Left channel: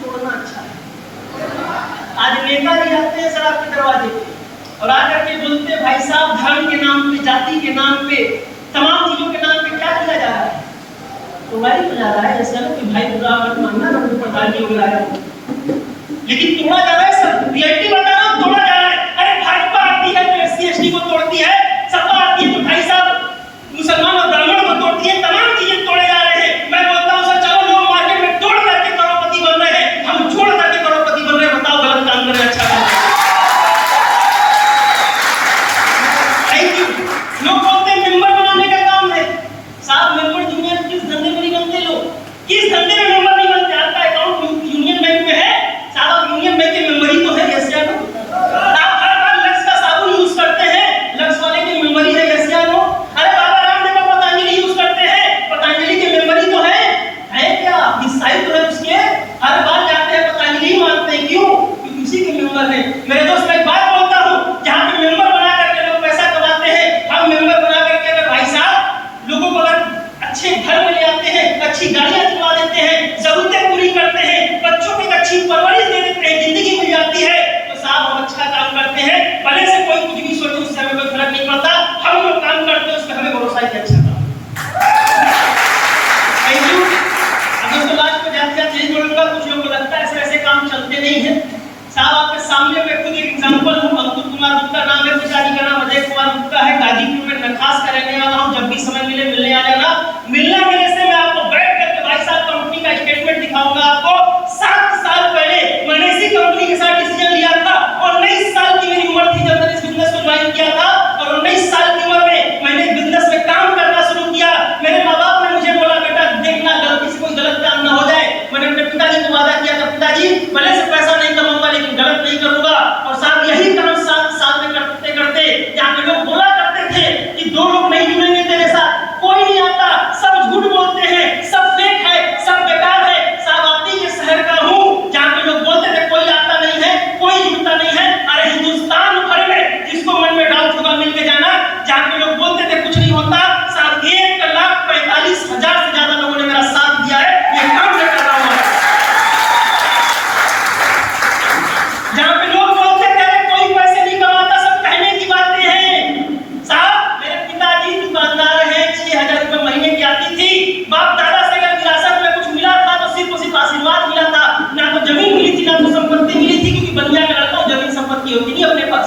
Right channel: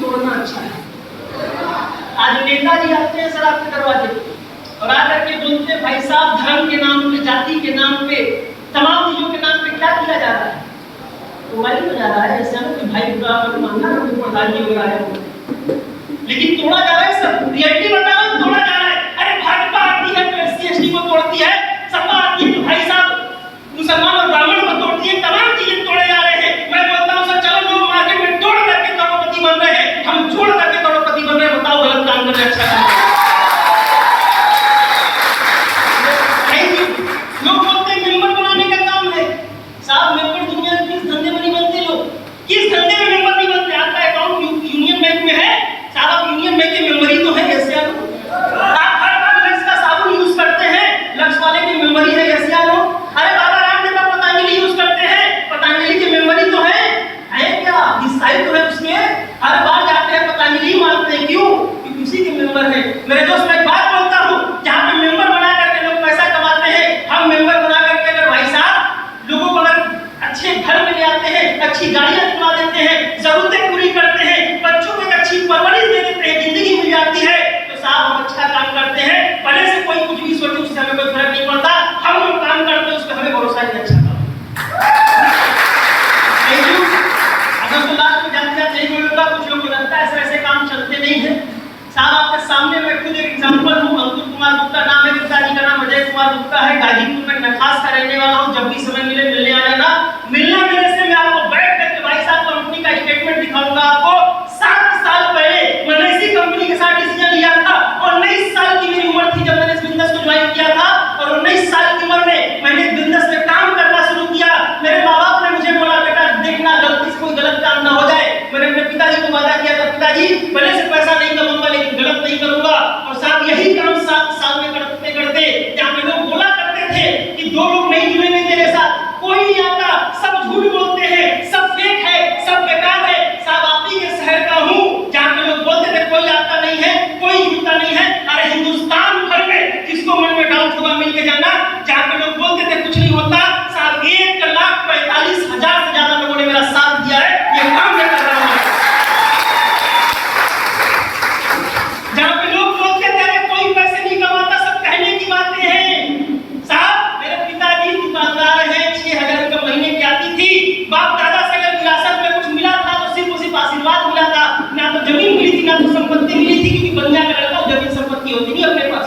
तोड़ना अच्छा है। आज नेताजी आते हैं सर आपके दरवाजे पे और आकर के बोलते हैं भाई साहब धर्म के नाम पे, जाति के नाम पे, तमाम चीजों के नाम पे क्या किया जा रहा है? तो वही हो जा रहा है जैसे ना कोई भाई बुरा मत मानना ना, कोई प्रधान जी वगैरह आया, लेकिन तोड़ा जा रहा है सर। रियलिटी बता रहा हूं, तोड़ा जा रहा है। अरे भाजपा आती है तो एससी एसटी को तोड़ती है, सपा आती है तो भाई साहब मुसलमान और ब्राह्मण को तोड़ती है, तमाम चीजें तोड़े जा रहे हैं। मैं बोलता हूं सर चलो लोग मार्केट में तोड़ करके करोड़पति बन रहे हैं, हम जोड़ करके करोड़पति बन रहे हैं। बताओ गलत काम कर रहे हैं अच्छा काम कर रहे हैं? लोग बोलते हैं मेंबर बनाने का काम है। साहब मेंबर दुनिया में किस धंधे में नहीं बनते लोग, किस धंधे में मेंबर नहीं बनते? आपका अकाउंट यूनियन बैंक में है साहब, आप यूनियन बैंक के मेंबर ही तो है। कैसे आप हर बार लक्स का साबुन यूज करते हैं, लक्स वाले की मेंबर ही है। कैसे अरे बाबा रामदेव का पतंजलि यूज करते हैं, पतंजलि के मेंबर ही तो है क्या? ईसाई तो है उसके, हर बार जाते हैं पतंजलि मांगते हैं, क्यों? क्योंकि उसी के मेंबर है। मेरे दोस्त मैं एक बात बोलता हूं, जहां पे मेंबर बना करके लोग पैसा कमाते हैं, हम मेंबर बना करके अगर भाई साहब लोगों को अगर अच्छे घर में ले आते हैं, अच्छी गाड़ियां दिलवा देते हैं, जरूरतें पूरी करते हैं, बच्चों को एक अच्छी परवरिश दे देते हैं, जिंदगी मिल जाती है, तो साहब हम अच्छा काम करते हैं। भले से कोई कुछ भी सोचे उससे हमें कोई फर्क नहीं पड़ता, हम लोग काम करते हैं उस पर हमें भरोसा है अच्छा काम। दोस्तों लास्ट में जाते जाते यही बोलूंगा, कुछ लोगों को लगता है ऐसे काम चलते नहीं है। साहब आपके सामने मैं खुद एक एग्जांपल हूं। अंकुर कुमार गुप्ता नाम है, पिताजी का नाम अजय कुमार गुप्ता है, गाजीपुर में नखास का रहने वाला हूं। जब भी समय मिले मिलने आ जाना। मिलना मिलने से मैं आपको बैठ करके भाई साहब कंपनी का स्टेटमेंट दिखाऊंगा आपको। 7 साल पहले मैंने इसी कंपनी के साथ डिसीजन लिया था और 19 साल की मेरी उम्र थी जब मैंने इस बिजनेस को ज्वाइन किया था और 19 साल की उम्र में मैंने बिजनेस में काम करना शुरू किया। मेरे माँ बाप ने मुझे बोला बेटा देखना गलती से कोई गलत काम ना हो जाए। मैंने अपने पिताजी को वादा किया था पिताजी भले से पैसा नहीं कमाऊंगा लेकिन गलत नहीं करूंगा। और साहब यही काम 7 साल में करते करते जहां पे लोग बोला करते थे कि 2 लोग नहीं जुड़ेंगे तेरे साथ, कोई नहीं आता, सब झूठ बोलते हैं, सब फेक है, सब बेकार है। साहब आप ही के शहर का हूं जहां पे लोग बोलते थे कोई आता नहीं है, कोई जुड़ता नहीं है। अरे हिंदुस्तान भर में जिसको मन में डाउट होगा मिल के जाना, जहां पे लोग बोलते थे कुछ नहीं होता, साहब 1,45,000 से ज्यादा लोगों ने मेरा साथ दिया है। ये काम मैं कर रहा हूं। जहां पे लोग बोलते थे कोई पैसे नहीं कमाता, सब कहने की बातें हैं। साहब मेरे पिताजी दुकानदार हैं, 6,000 रुपए महीने की आती थी। बाप दादा से अगर विरासत में कुछ मिला था तो सिर्फ आशीर्वाद मिला था, ना तो जमीन मिली थी ना तो संपत्ति मिली थी, क्योंकि बनिया का लड़का जमीन संपत्ति होती नहीं अपने पास।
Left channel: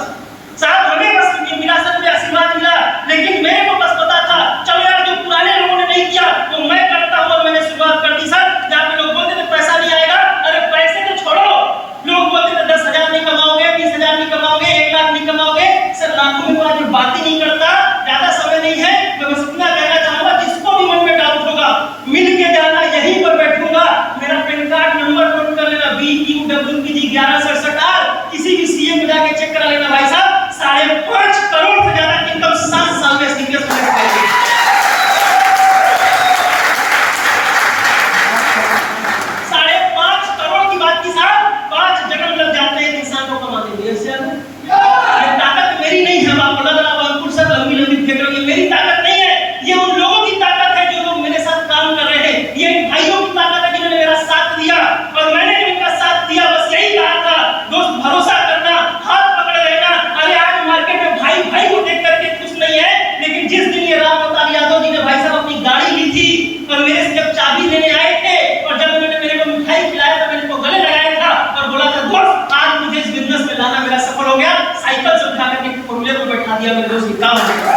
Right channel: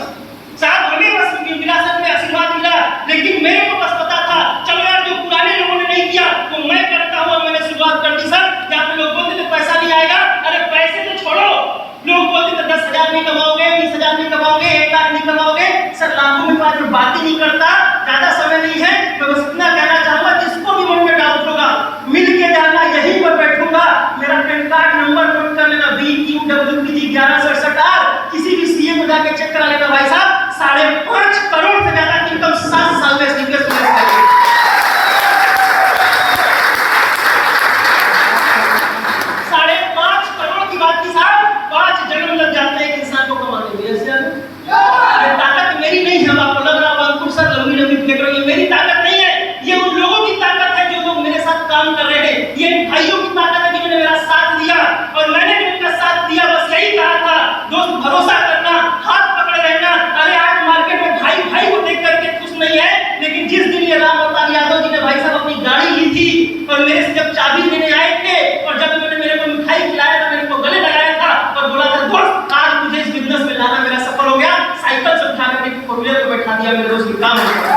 साहब हमें बस विरासत में आशीर्वाद मिला, लेकिन मेरे को बस पता था चलो यार जो पुराने लोगों ने नहीं किया वो मैं करता हूं। मैंने शुरुआत कर दी सर। जहां पे लोग बोलते थे पैसा नहीं आएगा, अरे पैसे तो छोड़ो, लोग बोलते थे 10,000 नहीं कमाओगे, 20,000 नहीं कमाओगे, 1 लाख नहीं कमाओगे। सर लाखों में तो आज बात ही नहीं करता, ज्यादा समय नहीं है। मैं बस इतना कहना चाहूंगा जिसको भी मन में डाउट होगा मिल के जाना, यहीं पर बैठूंगा। मेरा पैन कार्ड नंबर नोट कर लेना BQWPG 1167R। किसी भी सीए को जाके चेक करा लेना भाई साहब। 5.5 करोड़ से ज्यादा की इनकम 7 साल में स्टीकर्स में है। 5.5 करोड़ की बात की साहब, 5 जन्म लग जाते हैं इंसान को कमाने में। ऐसे ये ताकत मेरी नहीं है। आपको लग रहा होगा अंकुर सर लंबी लंबी फेंक रहे हैं, मेरी ताकत नहीं है। ये उन लोगों की ताकत है जो लोग मेरे साथ काम कर रहे हैं। ये भाइयों की ताकत है जिन्होंने मेरा साथ दिया और मैंने उनका साथ दिया। बस यही कहा था दोस्त, भरोसा करना, हाथ पकड़े रहना। अरे आज मार्केट में भाई भाई को देख करके खुश नहीं है, लेकिन जिस दिन ये राम अवतार यादव जी ने भाई साहब अपनी गाड़ी ली थी और मेरे से जब चाबी लेने आए थे और जब उन्होंने मेरे को मिठाई खिलाया था, मैंने को गले लगाया था और बोला था दोस्त आज मुझे इस बिजनेस में लाना मेरा सफल हो गया। साइकिल से उठा करके फोर व्हीलर पर बैठा दिया, मेरे दोस्त की काम हो गया।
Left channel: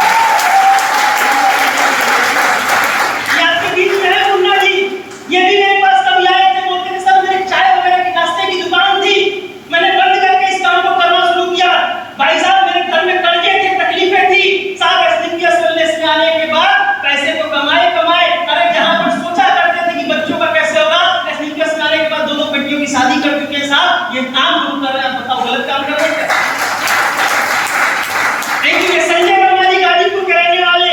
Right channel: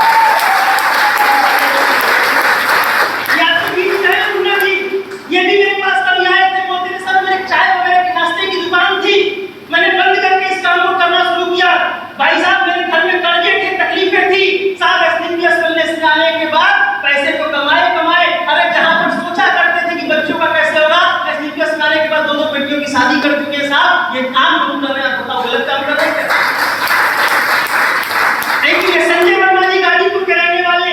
ये भी मेरे पास कभी आए थे, बोलते थे सर मेरे चाय वगैरह की नाश्ते की दुकान थी, मैंने बंद करके इस काम को करना शुरू किया। भाई साहब मेरे घर में कर्जे थे, तकलीफें थी। साहब एसडीपीएस वेलनेस में आने के बाद पैसे तो कमाए। अरे जहां पर सोचा करते थे कि बच्चों का कैसे होगा, एसडीपीएस में आने के बाद 2 बेटियों की शादी कर चुके हैं। साहब ये काम हम कर रहे हैं, बताओ गलत काम कर रहे हैं क्या? देखिए संजय वर्मा जी गाजीपुर के रहने वाले,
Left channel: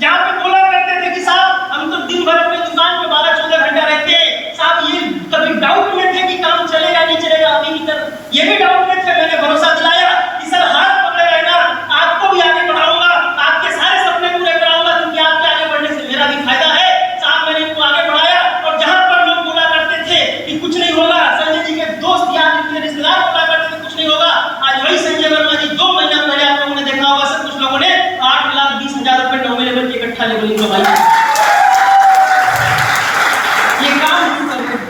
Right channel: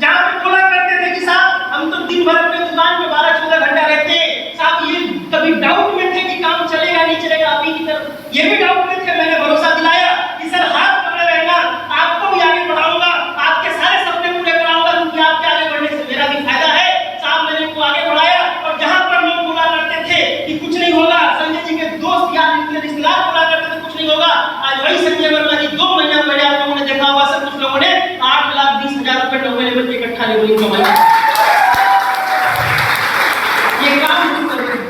जहां पे बोला करते थे कि साहब हम तो दिन भर अपने दुकान पे 12-14 घंटा रहते हैं। साहब ये कभी डाउट में थे कि काम चलेगा नहीं चलेगा, अभी की तरह ये भी डाउट में थे। मैंने भरोसा दिलाया कि सर हाथ पकड़े रहना, आपको भी आगे बढ़ाऊंगा, आपके सारे सपने पूरे कराऊंगा, क्योंकि आपके आगे बढ़ने से मेरा भी फायदा है। साहब मैंने इनको आगे बढ़ाया और जहां पर लोग बोला करते थे कि कुछ नहीं होगा, संजय रिश्तेदार बोला करते थे कुछ नहीं होगा, आज वही संजय वर्मा जी 2 महीना पहले आप लोगों ने देखा होगा सब कुछ लोगों ने 8,20,000 रुपए 9वें लेवल के इकट्ठा लेवलिंग कमाई। ये काम कर रहे हैं,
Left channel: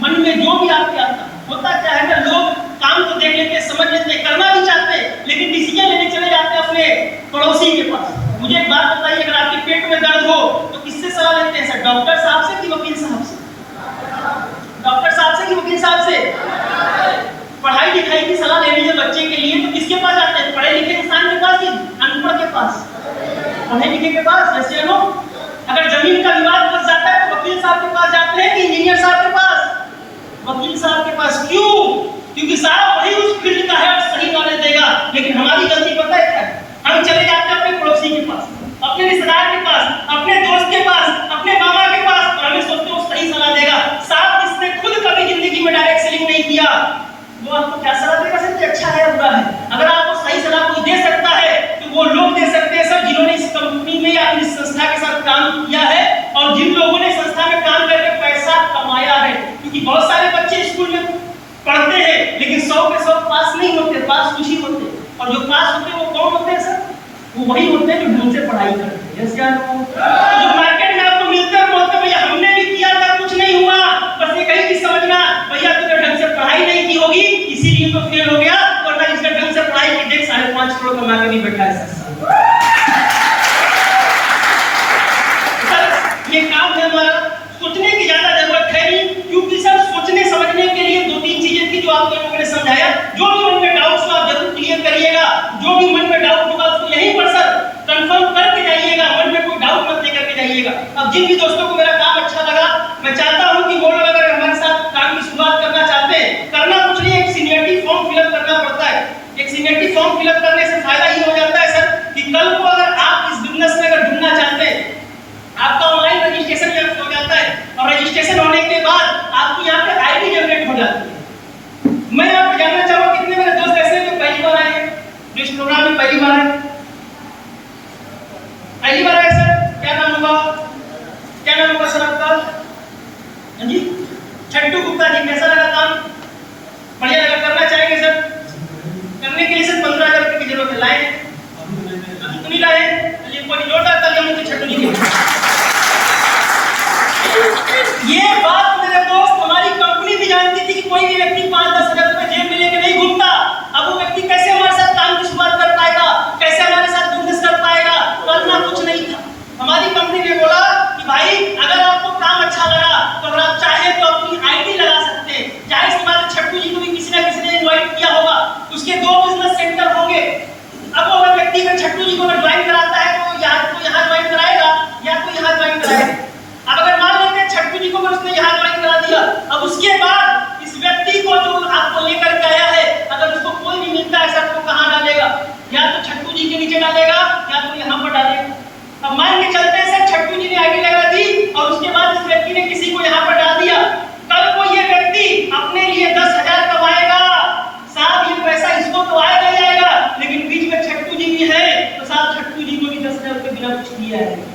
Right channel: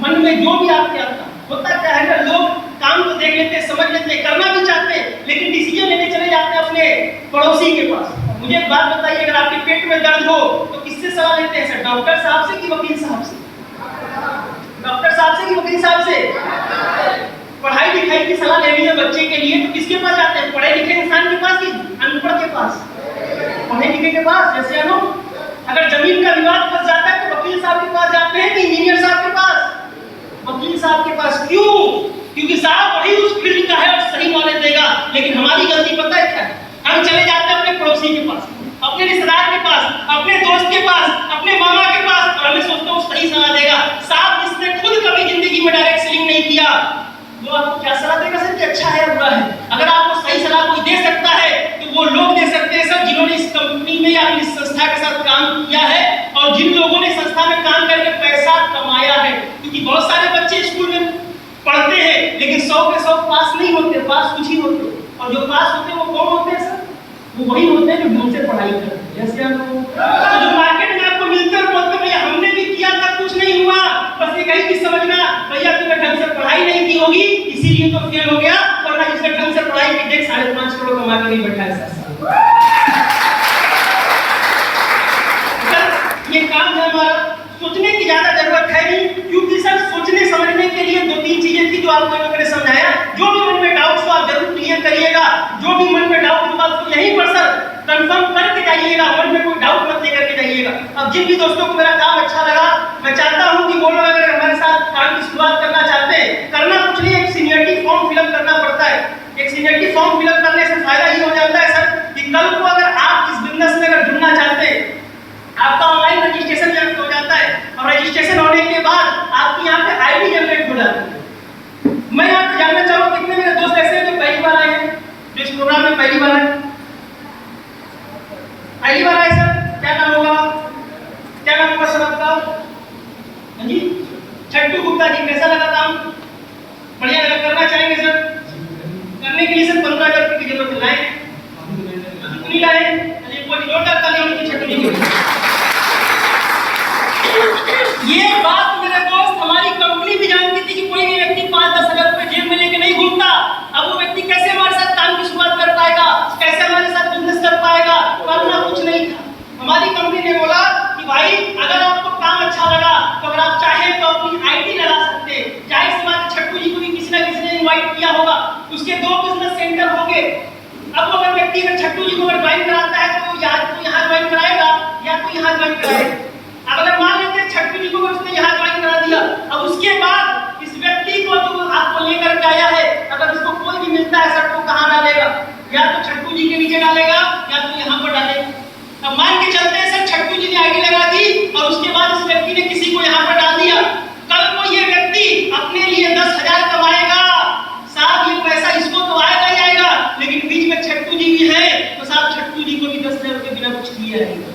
मन में जो भी आपके आता होता क्या है ना, लोग काम को देख लेते, समझ लेते, करना भी चाहते, लेकिन डिसीजन लेने चले जाते हैं अपने पड़ोसी के पास। मुझे एक बात बताइए, अगर आपके पेट में दर्द हो तो किससे सलाह लेते हैं सर? डॉक्टर साहब से कि वकील साहब से? डॉक्टर साहब से कि वकील साहब से? पढ़ाई लिखाई की सलाह लेनी है बच्चे के लिए तो किसके पास जाते हैं? पढ़े लिखे इंसान के पास कि अनपढ़ के पास? पढ़े लिखे के पास। जैसे अगर जमीन का विवाद फंस जाता है तो वकील साहब के पास जाते हैं कि इंजीनियर साहब के पास? वकील साहब के पास। क्यों? क्योंकि साहब वही उस फील्ड का है और सही नॉलेज देगा। लेकिन हमारी गलती पता है क्या है? हम चले जाते हैं अपने पड़ोसी के पास, अपने रिश्तेदार के पास, अपने दोस्त के पास, अपने मामा के पास, और हमें सोचते हैं सही सलाह देगा। साहब जिसने खुद कभी जिंदगी में डायरेक्ट सेलिंग नहीं किया वो आपको क्या सलाह देगा सर कि अच्छा है या बुरा है? अगर आपको सही सलाह कोई दे सकता है तो वो लोग दे सकते हैं सर जिन्होंने इस कंपनी में या इस संस्था के साथ काम किया है और जिन लोगों ने संस्था में काम करके पैसा कमाया है। क्योंकि बहुत सारे बच्चे स्कूल में पढ़ते हैं लेकिन 100 के 100 पास नहीं होते, पास कुछ ही होते, और जो पास होते हैं वो कौन होते हैं सर? वो वही होते हैं जो ढंग से पढ़ाई करते हैं। जैसे जो मार्केट में आपको मिलते हैं बोलते हैं भैया हमने भी किया था कुछ नहीं हुआ, बस एक ही चीज समझना भैया तूने ढंग से पढ़ाई नहीं की होगी इसीलिए तो फेल हो गया, वरना जिसने ढंग से पढ़ाई की देख 5.5 करोड़ कमा के भी बैठा है सर। ये काम है हमारा, सोचने की ज्यादा जरूरत है नहीं, क्योंकि सर सोचने समझने के लिए 2-3 चीजें थी जो आपको इन लोगों ने समझाया। जो भी मन में डाउट्स हो आप जरूर क्लियर करिएगा, जो भी मन में डाउट होगा उसको यहीं पर सर कंफर्म करके जाइएगा, मन में कोई डाउट मत लेकर के जाइएगा। अब जिन भी दोस्तों को मेरा काम अच्छा लगा, मैं चाहता हूं कि वो लोग अगर हमारे साथ काम की शुरुआत करना चाहते हैं, करना कुछ नहीं, एक सीनियरिटी फॉर्म फिलअप करना पड़ता है। एक सीनियरिटी फॉर्म फिलअप करने से फायदा ये हो जाता है सर कि कल को अगर आप इस बिजनेस में अगर जुड़ना चाहते हैं, आपका ऑनलाइन रजिस्ट्रेशन यहाँ हो जाता है और रजिस्ट्रेशन होने के बाद आपकी यहाँ पे आईडी जनरेट हो जाती है। मैं यहाँ पे जानना चाहूँगा कितने मेरे दोस्त ऐसे हैं जो पहली बार आए हैं, जो इस प्रोग्राम में पहली बार आए? पहली बार आए सर, क्या नाम होगा? क्या नाम होगा सर आपका? हाँ जी, छट्टू गुप्ता जी। कैसा लगा काम? बढ़िया लगा? करना चाहेंगे सर? करने के लिए सर 15,000 रुपये की जरूरत है। लाए? कितनी लाए? चलिए कोई नोट आता लिया मुझे छट्टू जी को। ये बात मेरे दोस्त हमारी कंपनी भी जानती थी कि कोई भी व्यक्ति 5-10 हजार रुपए जेब में लेके नहीं घूमता। अब वो व्यक्ति कैसे हमारे साथ काम की शुरुआत कर पाएगा, कैसे हमारे साथ बिजनेस कर पाएगा? करना कुछ नहीं था। हमारी कंपनी ने बोला कि भाई अगर आपको काम अच्छा लगा तो अगर आप चाहे तो अपनी आईडी लगा सकते हैं। जाहिर सी बात है छट्टू जी को भी किसी ना किसी ने इनवाइट किया होगा, उसके 2 बिजनेस सेंटर होंगे। अब वो व्यक्ति अगर छट्टू जी को अगर ज्वाइन कराता है तो या तो यहाँ ज्वाइन कराएगा या तो यहाँ ज्वाइन कराएगा। अब अगर मान लेते हैं छट्टू जी को उसने यहाँ ज्वाइन करा दिया, अब उसके बाद इस व्यक्ति को जो आपको लेकर के आया है अगर उसको कोई भी मिलता है सर तो कहाँ डालेगा? या तो छट्टू जी के नीचे डालेगा या तो यहाँ पर डालेगा। अब मान के चलते हैं सर छट्टू जी ने आईडी लगा दी और उसके बाद इस व्यक्ति ने किसी को यहाँ पर डाल दिया। कल को ये व्यक्ति अपने लिए 10,000 कमाएगा, साहब ये पैसा इसको तो आएगा ही आएगा, लेकिन बीच में छट्टू जी भी है तो साहब छट्टू जी को भी 10,000 रुपये बिना कुछ किए आएगा।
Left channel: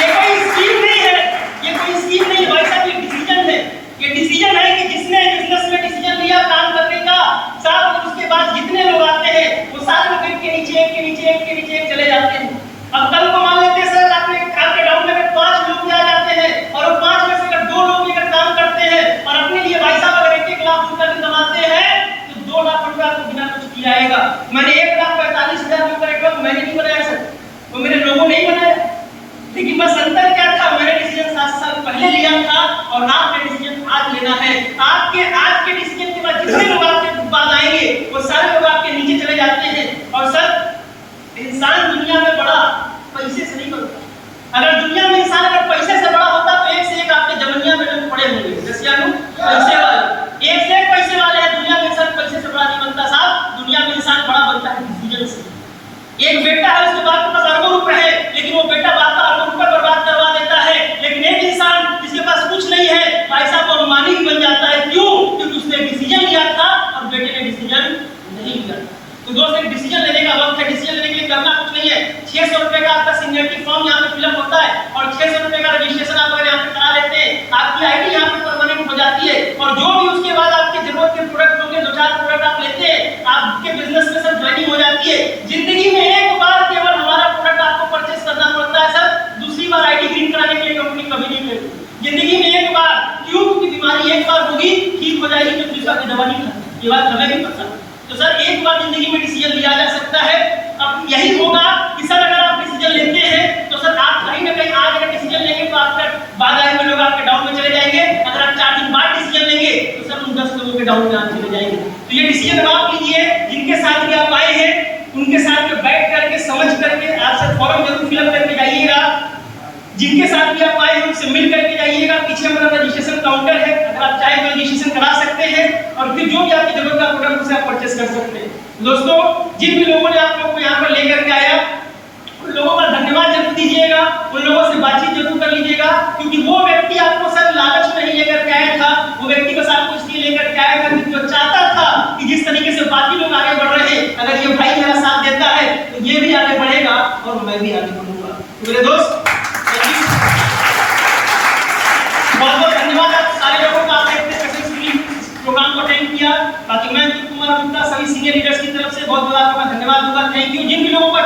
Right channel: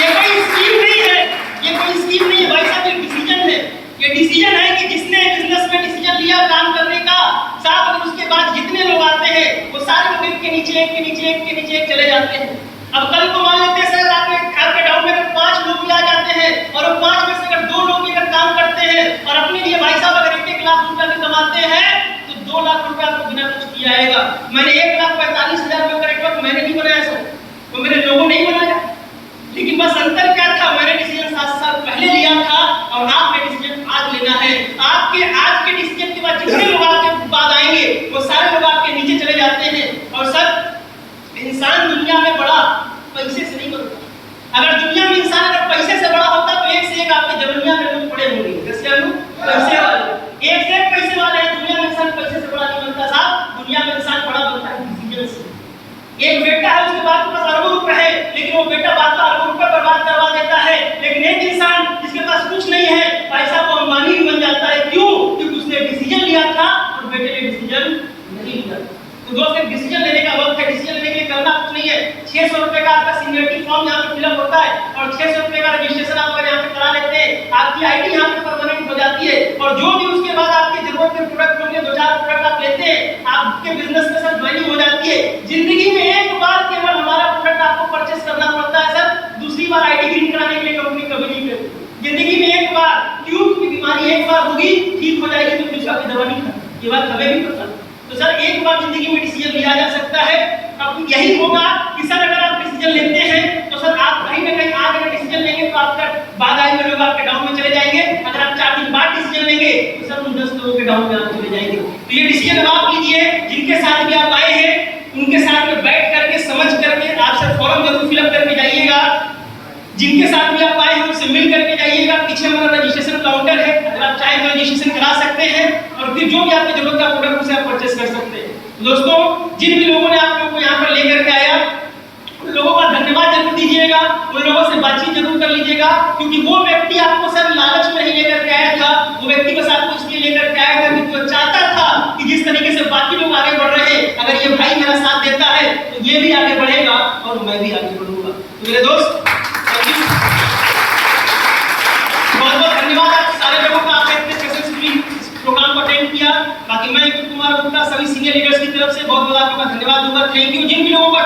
ये कोई स्कीम नहीं है, ये कोई स्कीम नहीं है भाई साहब, ये डिसीजन है। ये डिसीजन है कि जिसने बिजनेस में डिसीजन लिया काम करने का साहब, उसके बाद जितने लोग आते हैं वो सारे लोग एक के नीचे एक के नीचे एक के नीचे एक चले जाते हैं। अब कल को मान लेते हैं सर आपके डाउट में अगर 5 लोग भी आ जाते हैं और वो 5 में से अगर 2 लोग भी अगर काम करते हैं और अपने लिए भाई साहब अगर 1-1 लाख रुपया भी कमाते हैं तो 2 लाख रुपया आपको बिना कुछ किया आएगा। मैंने 1,45,000 रुपये का नेटवर्क मैंने नहीं बनाया सर, तो मेरे लोगों नहीं बनाया, लेकिन बस अंतर क्या था, मैंने डिसीजन 7 साल पहले लिया था और आपने डिसीजन आज लेना है। आपके आज के डिसीजन के बाद जितने लोग आपके बाद आएंगे वो सारे लोग आपके नीचे चले जाते हैं। और सर इंसान दुनिया में बड़ा पैसे से नहीं बनता। अगर दुनिया में इंसान अगर पैसे से बड़ा होता तो एक से एक आपके जवनिया में लोग पड़े होंगे। जैसे पैसे वाले एक से एक पैसे वाले हैं, दुनिया में इंसान पैसे से बड़ा नहीं बनता साहब, दुनिया में इंसान बड़ा बनता है डिसीजन से। एक बेटा है उसके पास अरबों रुपए है, लेकिन वो बेटा बाप का अरबों रुपए बर्बाद करवा देता है। लेकिन एक इंसान जिसके पास कुछ नहीं है भाई साहब वो अंबानी भी बन जाता है। क्यों? क्योंकि उसने डिसीजन लिया था और बेटे ने डिसीजन नहीं लिया। तो दोस्त एक डिसीजन लेने का वक्त है, डिसीजन लेने के लिए करना कुछ नहीं है। 600 रुपए का आपका सीनियरिटी फॉर्म यहाँ पे फिलअप होता है और 600 रुपए का रजिस्ट्रेशन आप अगर यहाँ पे करा लेते हैं आपकी आईडी यहाँ पे परमानेंट हो जाती है ज्वाइनिंग हो जाती है। जिंदगी में एक बार केवल हमारा प्रोडक्ट आपको परचेस करना पड़ता है सर, दूसरी बार आईडी ग्रीन कराने के लिए कंपनी कभी नहीं करती। जिंदगी में एक बार ट्यूब की बीमारी एक बार होगी, ठीक हो जाएगी, तो दूसरा की दवा नहीं खाती, ये बात हमें भी पता। तो सर एक बार जिंदगी में डिसीजन लिया जा सकता है। अब यही होगा कि सर अगर आप डिसीजन लेते हैं तो सर आप कहीं ना कहीं आगे अगर डिसीजन लेंगे तो आपका बाधाएं में लोग आपके डाउन में चले जाएंगे। अगर आप 4 दिन बाद डिसीजन लेंगे तो सर उन 10 लोगों के डाउन में आप चले जाएंगे। तो ये डिसीजन आप लीजिए, जिनके साथ भी आप आए हैं उनके साथ में बैठ करके समझ करके आप सर फॉर्म जरूर फिलअप करके जाइएगा। जिनके साथ भी आप आए हैं उनसे मिल करके जाइएगा। पीछे हमारा रजिस्ट्रेशन काउंटर है, अगर आप चाहें तो रजिस्ट्रेशन करा सकते हैं और फिर जो भी आपकी जरूरत का प्रोडक्ट उसे आप परचेस कर सकते हैं। दोस्तों जिन भी लोगों ने आप लोगों को यहाँ पर लेकर के आया उन लोगों का धन्यवाद जरूर दीजिएगा, उन लोगों से बातचीत जरूर कर लीजिएगा, क्योंकि वो व्यक्ति आपको सर लालच में नहीं लेकर के आया था, वो व्यक्ति बस आपको इसलिए लेकर के आया था क्योंकि वो चाहता था कि जिस तरीके से बाकी लोग आगे बढ़ रहे हैं, अगर ये भाई मेरा साथ देता है तो ये भी आगे बढ़ेगा और मैं भी आगे बढ़ूंगा। तो मेरे दोस्त बहुत बहुत धन्यवाद आप सारे लोगों का, आपने इतने सक्सेसफुली प्रोग्राम को अटेंड किया। बाकी मैं कुमार गुप्ता सभी सीनियर लीडर्स की तरफ से बहुत बहुत आपका धन्यवाद दूंगा। Thank you. जिन भी लोगों को